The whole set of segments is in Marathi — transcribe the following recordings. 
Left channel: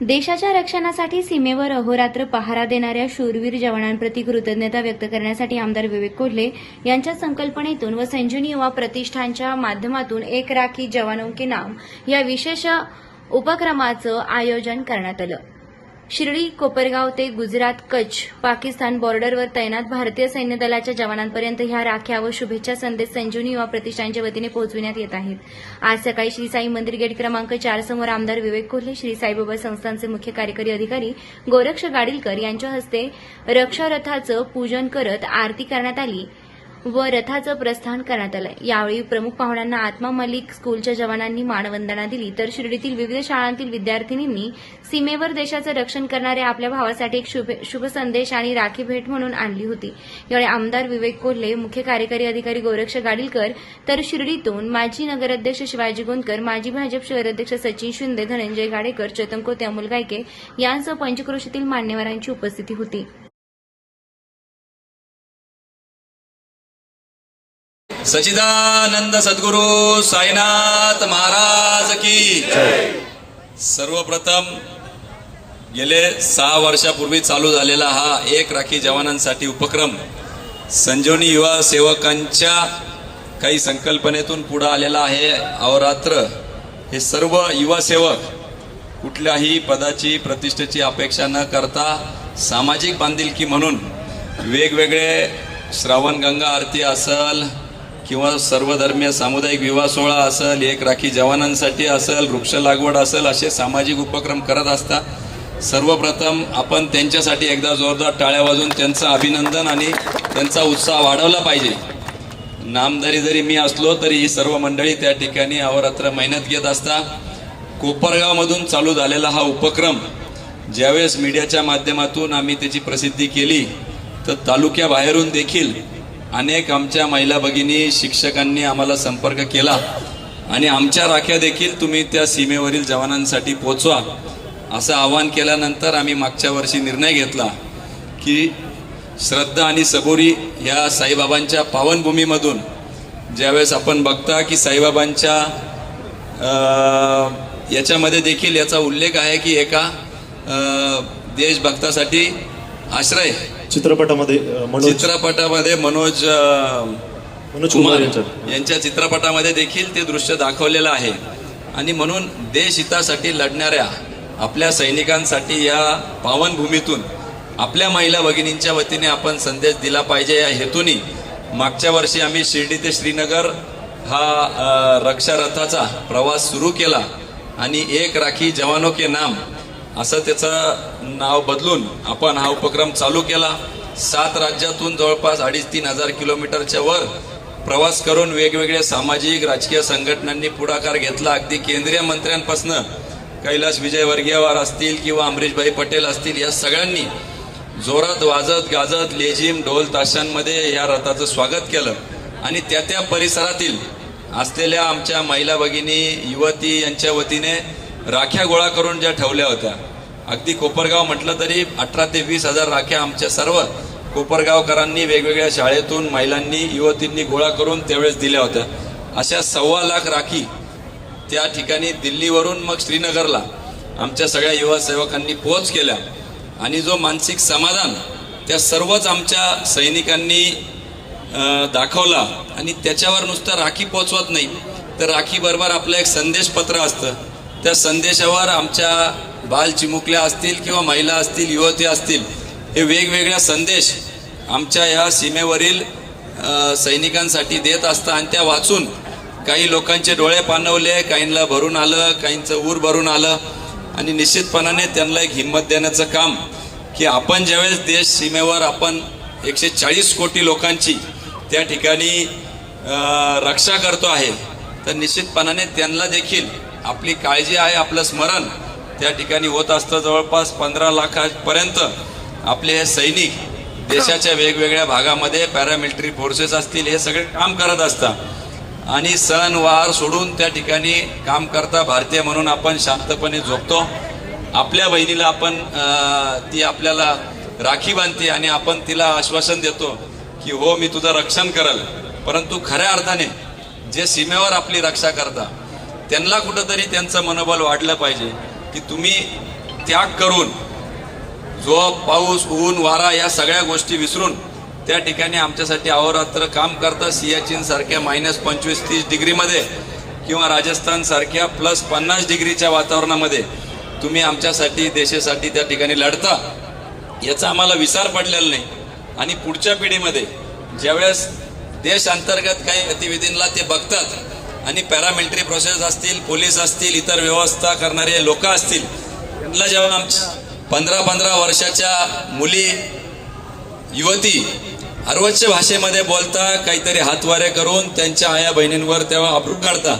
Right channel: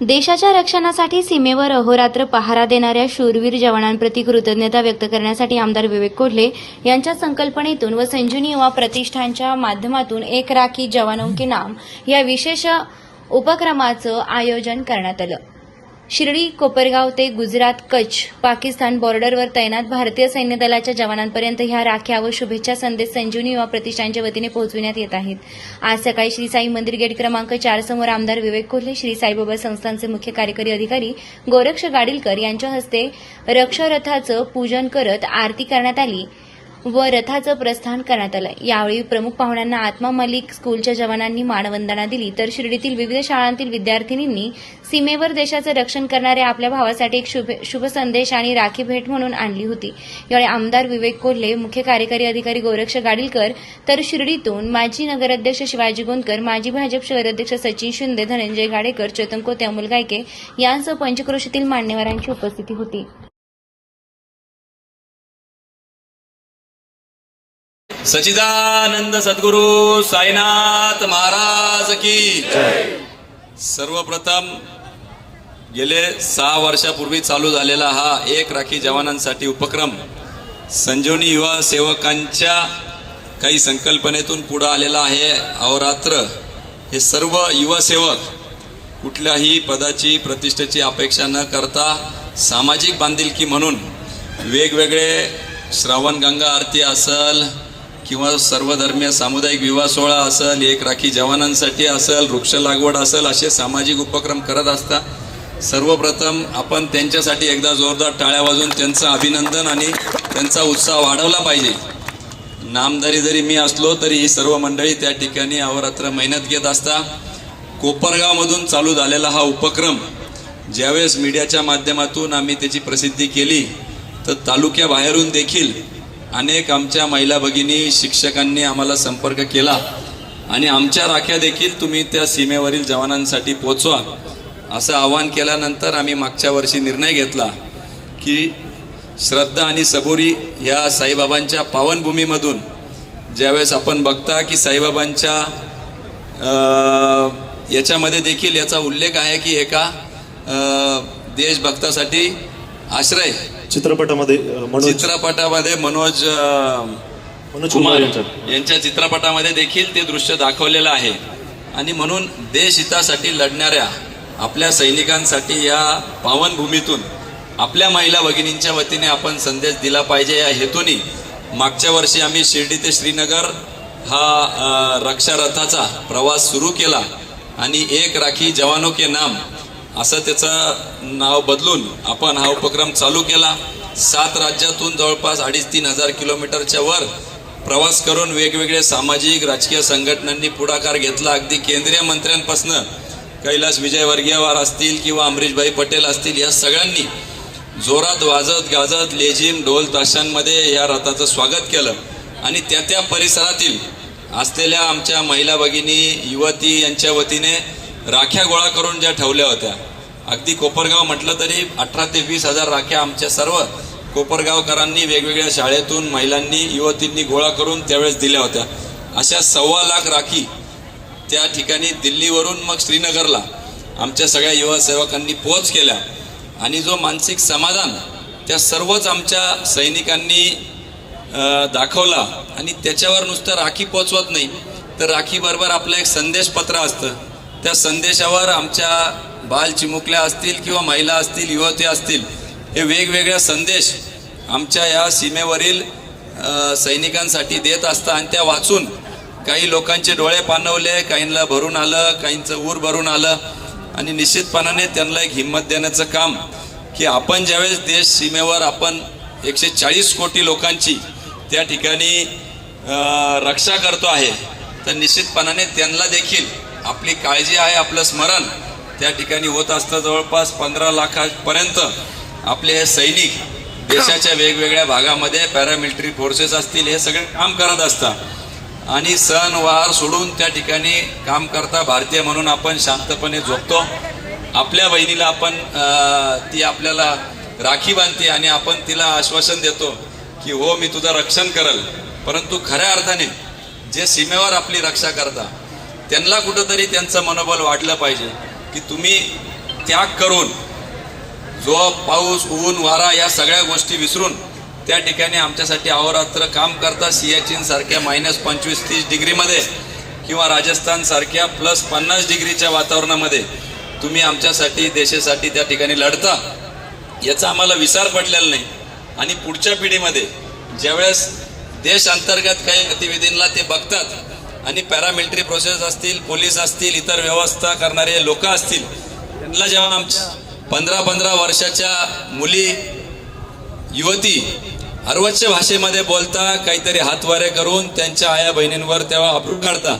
देशाच्या रक्षणासाठी सीमेवर अहोरात्र पहारा देणाऱ्या शूरवीर जवानांप्रती कृतज्ञता व्यक्त करण्यासाठी आमदार विवेक कोल्हे यांच्या संकल्पनेतून व संजीवनी युवा प्रतिष्ठानच्या माध्यमातून एक राखी जवानों के नाम या विशेष उपक्रमाचं आयोजन करण्यात आलं। शिर्डी कोपरगाव ते गुजरात कच्छ पाकिस्तान बॉर्डरवर तैनात भारतीय सैन्य दलाच्या जवानांपर्यंत ह्या राख्या व शुभेच्छा संदेश संजीवनी युवा प्रतिष्ठानच्या वतीने पोहोचविण्यात येत आहेत। आज सकाळी श्री साई मंदिर गेट क्रमांक 4 समोर आमदार विवेक कोल्हे, श्री साईबाबा संस्थानचे मुख्य कार्यकारी अधिकारी गोरक्ष गाडीलकर यांच्या हस्ते रक्षारथाचं पूजन करत आरती करण्यात आली व रथाचं प्रस्थान करण्यात आलं। यावेळी प्रमुख पाहुण्यांना आत्मा मलिक स्कूलच्या जवानांनी मानवंदना दिली, तर शिर्डीतील विविध शाळांतील विद्यार्थिनींनी सीमेवर देशाचं रक्षण करणाऱ्या आपल्या भावासाठी एक शुभ संदेश आणि राखी भेट म्हणून आणली होती। यावेळी आमदार विवेक कोल्हे, मुख्य कार्यकारी अधिकारी गोरक्ष गाडीलकर, तर शिर्डीतून माजी नगराध्यक्ष शिवाजी गोंदकर, माजी भाजप शहराध्यक्ष सचिन शिंदे, धनंजय गाडेकर, चेतन कोते, अमोल गायके यांसह पंचक्रोशीतील मान्यवरांची उपस्थिती होती। सच्चिदानंद सद्गुरु साईनाथ महाराज की सर्वप्रथम गेले 6 वर्षापूर्वी चालू झालेला हा एक राखी जवानांसाठी उपक्रम संजीवनी युवा सेवकांच्या काही संकल्पनेतून पुढे आलेला आहे। अहोरात्र हे सर्व युवा सेवक कुठल्याही पदाची प्रतिष्ठेची अपेक्षा न करता सामाजिक बांधिलकी म्हणून वेगवेगळे श्रावण गंगा आरती असेल किंवा सर्वधर्मीय सामुदायिक विवाह सोहळा असेल, एक राखी जवानांसाठी असेल, वृक्ष लागवड असेल, असे सामाजिक उपक्रम करत असतात। सर्वप्रथम आपण त्यांच्यासाठी एकदा जोरदार टाळ्या वाजवून त्यांचं अभिनंदन आणि त्यांचा उत्साह वाढवला पाहिजे। नामधारी जरी मी असलो तरी ही सर्व मंडळी त्या ठिकाणी अहोरात्र मेहनत घेत असतात। कोपरगावमधून चालू झालेला हा उपक्रम ज्यावेळेस मीडियाच्या माध्यमातून आम्ही त्याची प्रसिद्धी केली तर तालुक्याबाहेरून देखील अनेक आमच्या महिला भगिनी शिक्षकांनी आम्हाला संपर्क केला आणि आमच्या राख्या देखील तुम्ही त्या सीमेवरील जवानांसाठी पोहोचवा असं आवाहन केल्यानंतर आम्ही मागच्या वर्षी निर्णय घेतला की श्रद्धा आणि सबुरी या साईबाबांच्या पावनभूमीमधून ज्यावेळेस आपण बघता की साईबाबांच्या याच्यामध्ये देखील याचा उल्लेख आहे की एका देशभक्तासाठी आश्रय चित्रपटामध्ये मनोज कुमार यांच्या चित्रपटामध्ये देखील ते दृश्य दाखवलेलं आहे। आणि म्हणून देशहितासाठी लढणाऱ्या आपल्या सैनिकांसाठी या पावनभूमीतून आपल्या महिला भगिनींच्या वतीने आपण संदेश दिला पाहिजे या हेतूने मागच्या वर्षी आम्ही शिर्डी ते श्रीनगर हा रक्षारथाचा प्रवास सुरू केला आणि एक राखी जवानों के नाम असं त्याचं नाव बदलून आपण हा उपक्रम चालू केला। 7 राज्यातून जवळपास 2,500-3 हजार किलोमीटरच्या वर प्रवास करून वेगवेगळे सामाजिक राजकीय संघटनांनी पुढाकार घेतला। अगदी केंद्रीय मंत्र्यांपासून कैलास विजयवर्गीयवार असतील किंवा अमरीशभाई पटेल असतील या सगळ्यांनी जोरात वाजत गाजत लेझिम ढोल ताशांमध्ये या रथाचं स्वागत केलं आणि त्या परिसरातील असलेल्या आमच्या महिला भगिनी युवती यांच्या वतीने राख्या गोळा करून ज्या ठेवल्या होत्या, अगदी कोपरगाव म्हटलं तरी 18 ते 20 हजार राख्या आमच्या सर्व कोपरगावकरांनी वेगवेगळ्या शाळेतून महिलांनी युवतींनी गोळा करून त्यावेळेस दिल्या होत्या। अशा 1.25 लाख राखी त्या ठिकाणी दिल्लीवरून मग श्रीनगरला आमच्या सगळ्या युवा सेवकांनी पोच केल्या आणि जो मानसिक समाधान त्या सर्वच आमच्या सैनिकांनी दाखवला। आणि त्याच्यावर नुसतं राखी पोचवत नाही तर राखी बरोबर आपलं एक संदेशपत्र असतं, त्या संदेशावर आमच्या बाल चिमुकल्या असतील किंवा महिला असतील, युवती असतील, हे वेगवेगळ्या संदेश आमच्या या सीमेवरील सैनिकांसाठी देत असतात आणि त्या वाचून काही लोकांचे डोळे पाणवले, काहींना भरून आलं, काहींचं ऊर भरून आलं आणि निश्चितपणाने त्यांना एक हिंमत देण्याचं काम की आपण ज्यावेळेस देश सीमेवर आपण 140 कोटी लोकांची त्या ठिकाणी रक्षा करतो आहे तर निश्चितपणाने त्यांना देखील आपली काळजी आहे, आपलं स्मरण त्या ठिकाणी होत असतं। जवळपास 15 लाखापर्यंत आपले हे सैनिक देशाच्या वेगवेगळ्या भागामध्ये पॅरामिलिटरी फोर्सेस असतील हे सगळे काम करत असतात आणि सण वार सोडून त्या ठिकाणी काम करता। भारतीय म्हणून आपण शांतपणे झोपतो, आपल्या बहिणीला आपण ती आपल्याला राखी बांधते आणि आपण तिला आश्वासन देतो की हो मी तुझं रक्षण करेल, परंतु खऱ्या अर्थाने जे सीमेवर आपली रक्षा करतात त्यांना कुठंतरी त्यांचं मनोबल वाढलं पाहिजे। की तुम्ही त्याग करून जो पाऊस ऊन वारा या सगळ्या गोष्टी विसरून त्या ठिकाणी आमच्यासाठी अहोरात्र काम करता. सियाचीन सारख्या -25-30 डिग्रीमध्ये किंवा राजस्थान सारख्या +50 डिग्रीच्या वातावरणामध्ये तुम्ही आमच्यासाठी देशासाठी त्या ठिकाणी लढता. याचा आम्हाला विसर पडलेला नाही. आणि पुढच्या पिढीमध्ये ज्यावेळेस देश अंतर्गत काही गतिविधींना ते बघतात आणि पॅरामिलिटरी प्रोसेस असतील, पोलीस असतील, इतर व्यवस्था करणारे लोक असतील, त्यांना जेव्हा आमच्या 15-15 वर्षाच्या मुली युवती अर्वच्य भाषेमध्ये बोलता, काहीतरी हातवारे करून त्यांच्या आया बहिणींवर तेव्हा अप्रू काढता,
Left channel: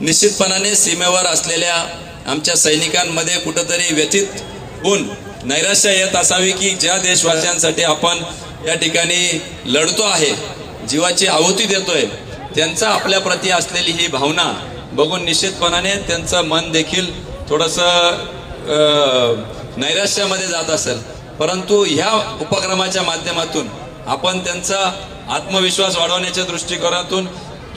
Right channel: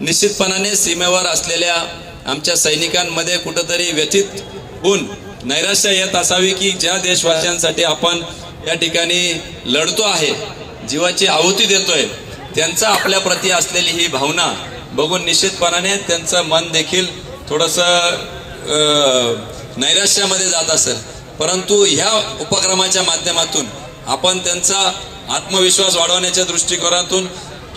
निश्चितपणाने सीमेवर असलेल्या आमच्या सैनिकांमध्ये कुठंतरी व्यथित होऊन नैराश्य येत असावी की ज्या देशवासियांसाठी आपण या ठिकाणी लढतो आहे, जीवाची आहुती देतोय, त्यांचा आपल्या प्रती असलेली ही भावना बघून निश्चितपणाने त्यांचं मन देखील थोडंसं नैराश्यामध्ये जात असेल. परंतु ह्या उपक्रमाच्या माध्यमातून आपण त्यांचा आत्मविश्वास वाढवण्याच्या दृष्टिकोनातून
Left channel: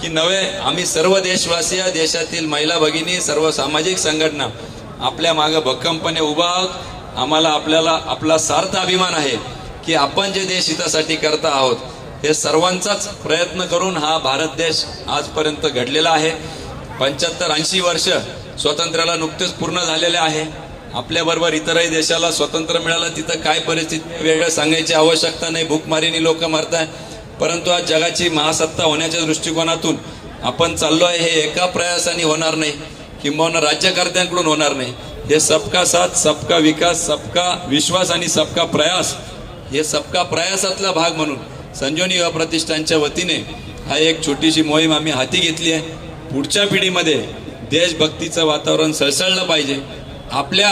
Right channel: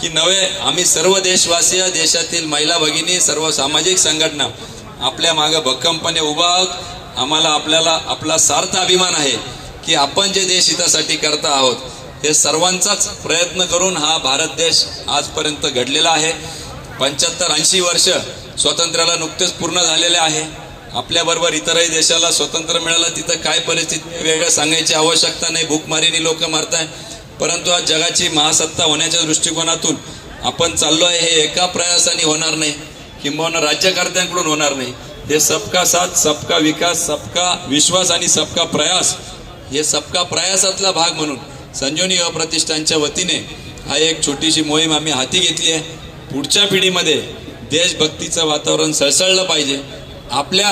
की नव्हे, आम्ही सर्व देशवासी, देशातील महिला भगिनी, सर्व सामाजिक संघटना आपल्या मागे भक्कमपणे उभा आहोत. आम्हाला आपला सार्थ अभिमान आहे की आपण जे देश हितासाठी करत आहोत हे सर्वांचाच प्रयत्न करून हा भारत देश आजपर्यंत घडलेला आहे. 75-80 वर्ष स्वातंत्र्याला नुकतेच पूर्ण झालेले आहे. आपल्याबरोबर इतरही देशाला स्वातंत्र्य मिळालं, तिथं काय परिस्थिती वेगळं सांगायची आवश्यकता नाही. भूकमारीने लोक मरताय. परंतु आज जगाची महासत्ता होण्याच्या दृष्टिकोनातून आपण चाललो आहे. हे एका प्रयासाने होणार नाही, किंबहुना राज्यकर्त्यांकडून होणार नाही. हे सबका साथ, सबका विकास, सबका विश्वास आणि सबका प्रयास, हे सबका प्रयासातला भाग म्हणून संजीवनी युवा प्रतिष्ठानच्या वतीने हा एक छोटीशी मोहीम आम्ही हाती घेतली आहे. पुढच्या पिढीमध्ये देशभक्तीचं वातावरण सळसळलं पाहिजे. आपल्या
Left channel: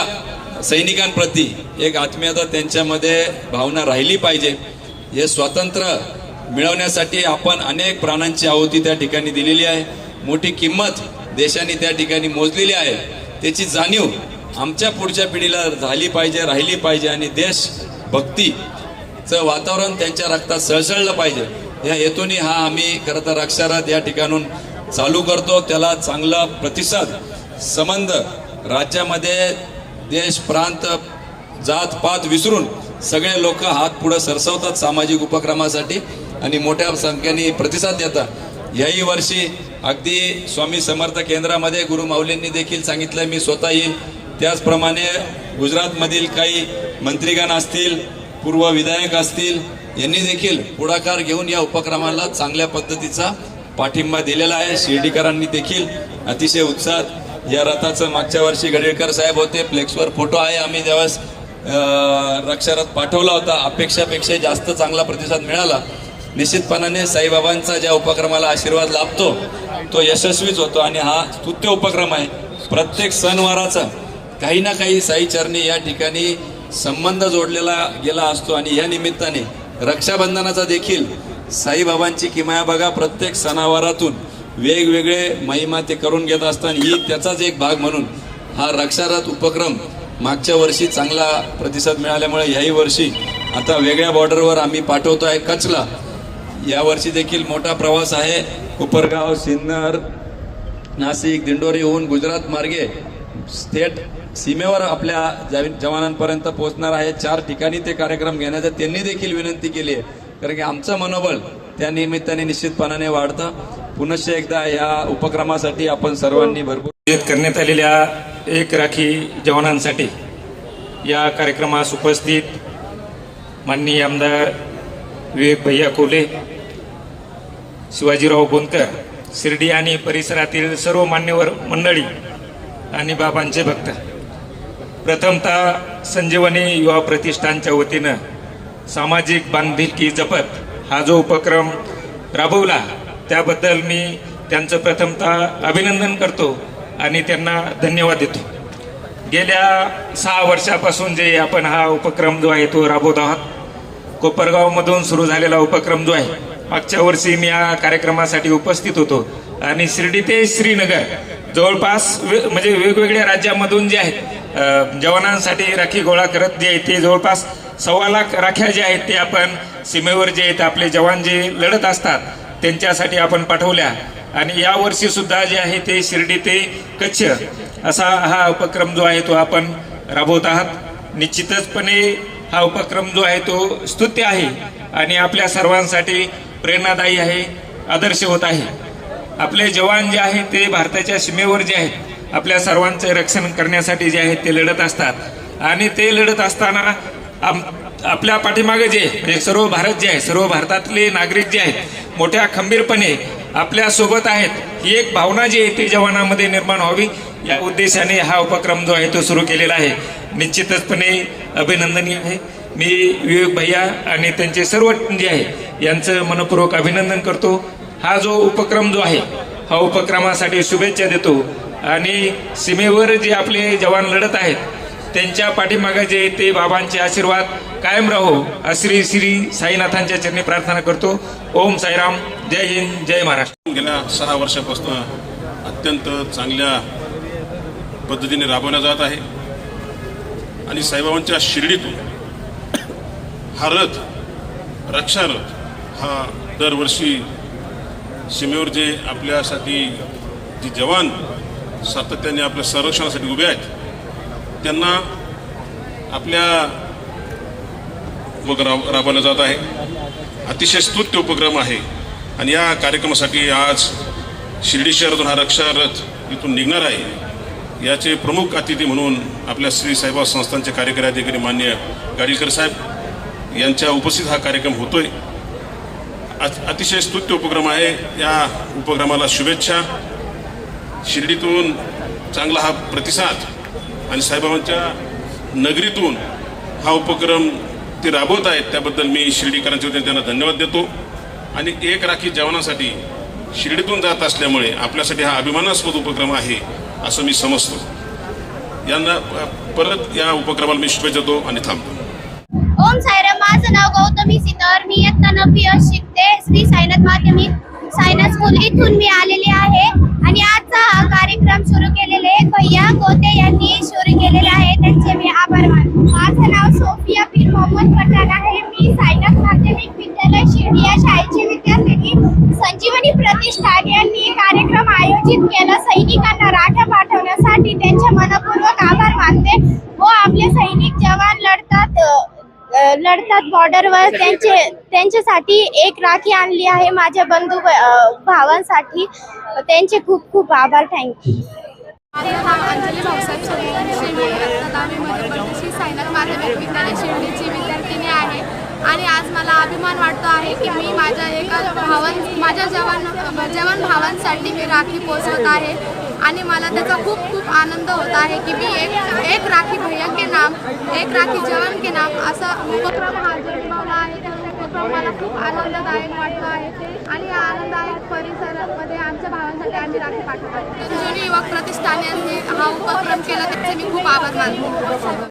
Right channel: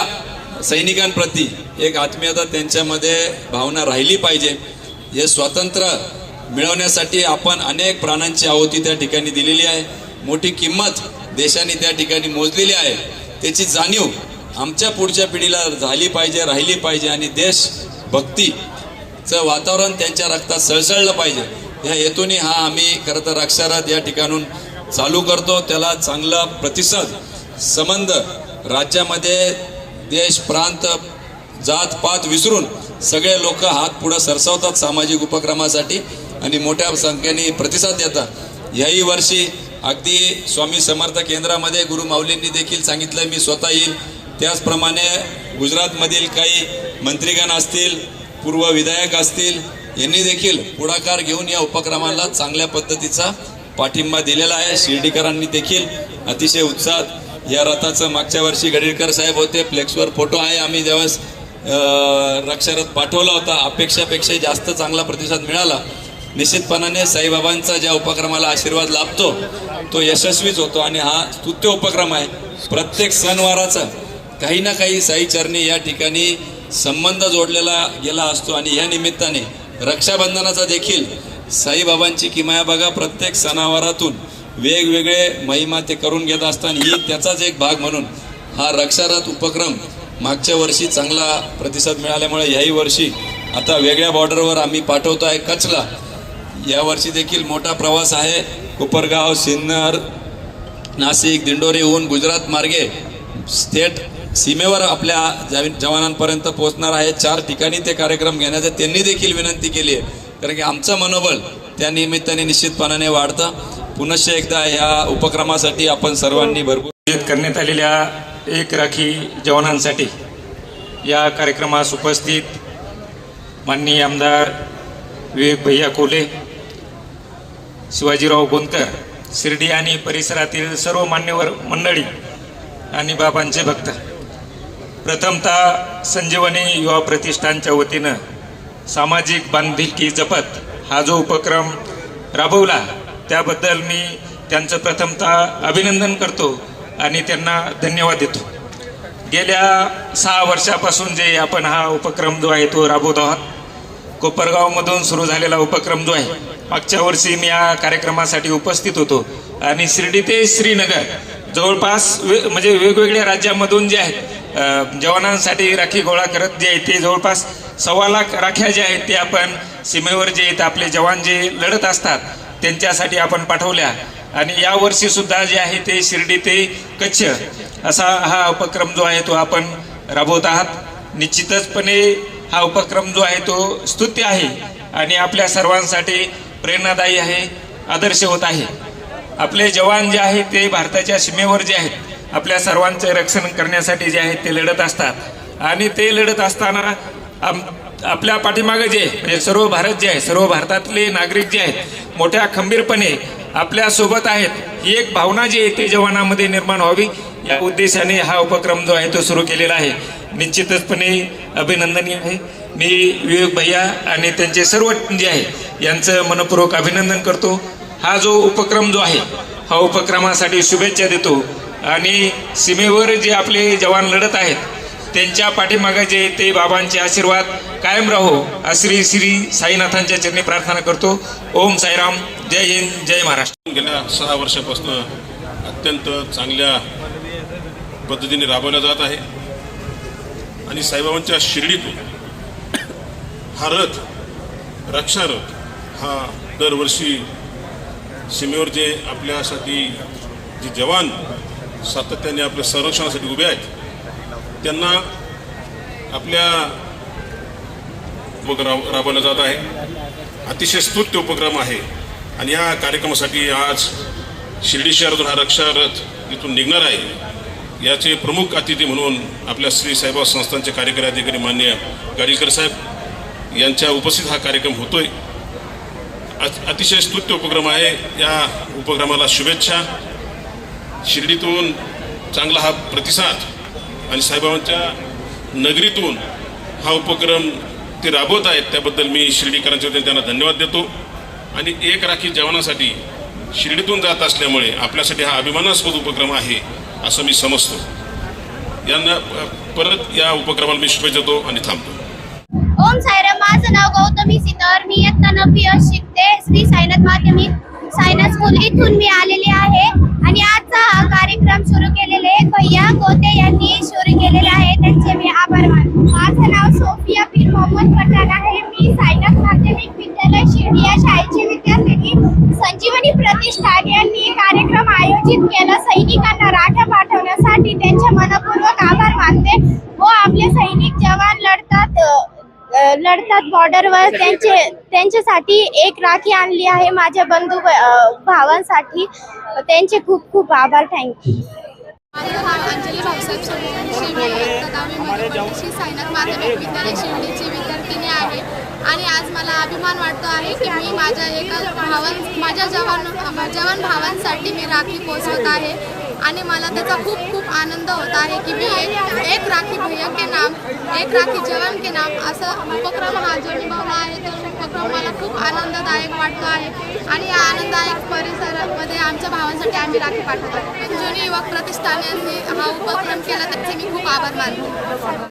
सैनिकांप्रती एक आत्मीयता त्यांच्यामध्ये भावना राहिली पाहिजे. हे स्वातंत्र्य मिळवण्यासाठी आपण अनेक प्राणांची आहुती त्या ठिकाणी दिलेली आहे. मोठी किंमत देशाने त्या ठिकाणी मोजलेली आहे. त्याची जाणीव आमच्या पुढच्या पिढीला झाली पाहिजे, राहिली पाहिजे आणि देशभक्तीचं वातावरण त्यांच्या रक्तात सळसळलं पाहिजे. या हेतूने हा आम्ही खरं तर अक्षरात या ठिकाणून चालू करतो. त्याला चांगला प्रतिसाद, संबंध राज्यामध्ये देश, प्रांत, जात पात विसरून सगळे लोक हात पुढे सरसवतात सामाजिक उपक्रमासाठी आणि मोठ्या संख्येने प्रतिसाद देतात. याही वर्षी अगदी स्वामी समर्थ केंद्रामध्ये गुरु माऊलींनी देखील सांगितलं मी स्वतः येईल. त्याचप्रमाणे गुजरातमधील काही मंत्रीगण असतील, पूर्व विधायक असतील, यांनी देखील पुढाकार घेऊन या उपक्रमाला चांगल्या पद्धतीचा पाठिंबा दिलेला आहे. शिर्डीकरांनी देखील अतिशय उत्साहात या रथाचं मागच्या वर्षी गडेकर साहेब होते, फ्लेक्सवर फोटो आहे. आम्ही ज्यावेळेस रक्षारथ पाठवला होता, अपेक्षापेक्षा जास्त चांगला प्रतिसाद मिळाला. निश्चितपणाने साईबाबांचा ज्या उपक्रमाला आशीर्वाद लाभतो तो यशस्वीच होतो आणि हा स्तुत्य उपक्रम आहे. प्रत्येक सणवाराचा काही ना काही साईचरणी या ठिकाणी संबंध जोडलेला गेला असतो आणि या निमित्ताने रक्षाबंधनाचा देखील साईबाबांची किमया बघा. प्रत्येक सणावारातून वेगवेगळे महिमा ते करून घेत असताना ही त्याचाच एक भाग म्हणून हा रक्षारथ उपक्रम मागच्या वर्षी चांगला प्रतिसाद मिळाल्यामुळे याही वर्षी आता वेगळ्या बॉर्डरवर आम्ही पाठवतो आहे. कच्छला यावर्षी देखील मोठा प्रवास आहे. कोपरगाव, सिन्नर, नाशिक, दिंडोरी होऊन गुजरात मार्गे थेट सीमेवर आपल्या जवानांपर्यंत पोहोचणार आहे. 4 ठिकाणी ते कार्यक्रम घेण्याचा त्यांनी देखील विनंती केली आहे, कारण की आमचं मनोबल त्या निमित्ताने निश्चितपणाने वाढतं. पुनश्च एकदा या उपक्रमासाठी आपण सर्वांनी भरपूर करण्यात आलेल्या एक राखी जवानांसाठी या कार्यक्रमास उपस्थित माननीय आमदार विवेक भैया कोले, शिवाजीराव बोनकर, शिर्डी आणि परिसरातील सर्व मान्यवर मंडळी आणि बाबांचे भक्त, प्रथमतः संजीवनी युवा प्रतिष्ठानच्या वतीनं सामाजिक बांधिलकी जपत हा जो उपक्रम राबवला त्याबद्दल मी त्यांचं प्रथमतः अभिनंदन करतो आणि त्यांना धन्यवाद देतो. गेल्या 6 वर्षापासून जे आपण हा उपक्रम जो आहे तो राबवत आहोत. कोपरगावमधून सुरू झालेला उपक्रम जो आहे, मागच्या वर्षी मी या कार्यक्रमासाठी उपस्थित होतो आणि शिर्डी ते श्रीनगर जवळपास म्हणजे वेगवेगळ्या राज्यामधून जे आहेत जवानांसाठी राखी गोळा करत जे आहे ते जवळपास 1.25 लाख राख्या जे आहेत ते आपण सीमेवर जे आहेत आपले जवान जे लढत असतात त्यांच्यासाठी आपण पाठवल्या आणि या वर्षी सुद्धा जे आहे ते शिर्डी ते कच्छ असा हा उपक्रम जो आहे तो आपण राबवत आहात. निश्चितचपणे हा उपक्रम जो आहे तो स्तुत्य आहे आणि आपल्या सर्वांसाठी प्रेरणादायी आहे, आदर्श होत आहे. आपले जवान जे आहेत ते भारताच्या सीमेवर जे आहेत आपल्या सर्वांचे रक्षण करण्यासाठी जे आहेत ते लढत असतात आणि ते लढत असताना आपल्या पाठीमागे जे म्हणजे सर्व भारत जे आहे, सर्व भारतातले नागरिक जे आहेत मोठ्या खंबीरपणे आपल्या सोबत आहेत, ही एक भावना जी आहे ती जवानांमध्ये निर्माण व्हावी या उद्देशाने हा उपक्रम जो आहे तो सुरू केलेला आहे. निश्चितचपणे अभिनंदनीय आहे. मी विवेक भैया आणि त्यांचे सर्व जे आहे यांचं मनपूर्वक अभिनंदन करतो. हा जो उपक्रम जो आहे हा उपक्रमासाठी शुभेच्छा देतो आणि सीमेवर जे आपले जवान लढत आहेत त्यांच्या पाठीमागे जे ते बाबांचे आशीर्वाद कायम राहो अशी श्री साईनाथांच्या चरणी प्रार्थना करतो. ओम साईराम. जय हिंद, जय महाराष्ट्र. गेल्या 6 वर्षापासून अत्यंत चांगल्या पद्धतीने राबवला जात आहे आणि साईबाबांच्या शिर्डीतून हा रथ, रक्षारथ हा दरवर्षी सीमेवर जे आपल्यासाठी जे जवान सातत्याने आपल्या संरक्षणासाठी उभे आहेत त्यांना आपल्या राबवला जात आहे. अतिशय स्तुत्य उपक्रम आहे आणि या कार्यक्रमासाठी आज शिर्डी शहरातून हा रक्षारथ इथून निघणार आहे. याचे प्रमुख अतिथी म्हणून आपल्या श्री साईबाबा संस्थानचे कार्यकारी अधिकारी माननीय गाडीकर साहेब यांच्या उपस्थित हा कार्यक्रम होतोय. अतिशय स्तुत्य उपक्रम आहे. या उपक्रमाला शुभेच्छा. शिर्डीतून चांगला हा प्रतिसाद आणि साईबाबांच्या नगरीतून हा उपक्रम ते राबवत आहेत त्याबद्दल मी शिर्डीकरांच्या वतीने त्यांना धन्यवाद देतो. आणि एक राखी जवानासाठी शिर्डीतून जात असल्यामुळे आपल्यासाठी हा अभिमानास्पद उपक्रम आहे असं मी समजतो. यांना परत या उपक्रमाला मी शुभेच्छा देतो आणि थांबतो. ओम साईराम. माझं नाव गौतमी सितर. मी इयत्ता 9वी शिकते श्री साईनाथ माध्यमिक सायन्स स्कूल इथून मी आलेले आहे आणि आजचा हा कार्यक्रम सुरू केलेले भैया गोते यांनी सुरू केलेले आहे, त्यांचे मी आभार मानतो. माझं नाव सोफिया पीर मोहम्मद पठाण आहे. मी साईनाथ माध्यमिक विद्यालय शिर्डी या शाळेची विद्यार्थिनी. संजीवनी प्रतिष्ठान यांनी कार्यक्रम आयोजित केला. सैनिकांना राख्या पाठवण्यासाठी त्यांचे मनपूर्वक आभार मानते व आपले सैनिक जवान लढतात बॉर्डरवर, त्यांच्यासाठी एक राखी आणली आहे माझ्या बंधू भावांसाठी. त्यांचे खूप खूप आभार. थँक्यू. माझं नाव अंजली भाऊसाहेब सोमवंशी. मी इयत्ता 10वीमध्ये पडते. श्री साईनाथ माध्यमिक विद्यालय शिर्डीची विद्यार्थिनी आहे आणि आज मला अभिमान वाटतो आहे की मी माझ्या माझ्या जवान भावांसाठी मी राखी पोचवत आहे आणि मला त्याचा खूप खूप आनंद होत आहे की मी एक राखी भैया के नाम, एक राखी जवान के नाम असा उपक्रम हा जो निभावला आहे तो उपक्रम मला खूप आनंददायक वाटतो आहे आणि या आनंददायक परिसरामध्ये आमच्या भावांसाठी आम्ही राखी पाठवत आहोत. संजीवनी युवक प्रतिष्ठान यांनी हा उपक्रम केला त्याचे मी खूप आभार मानते.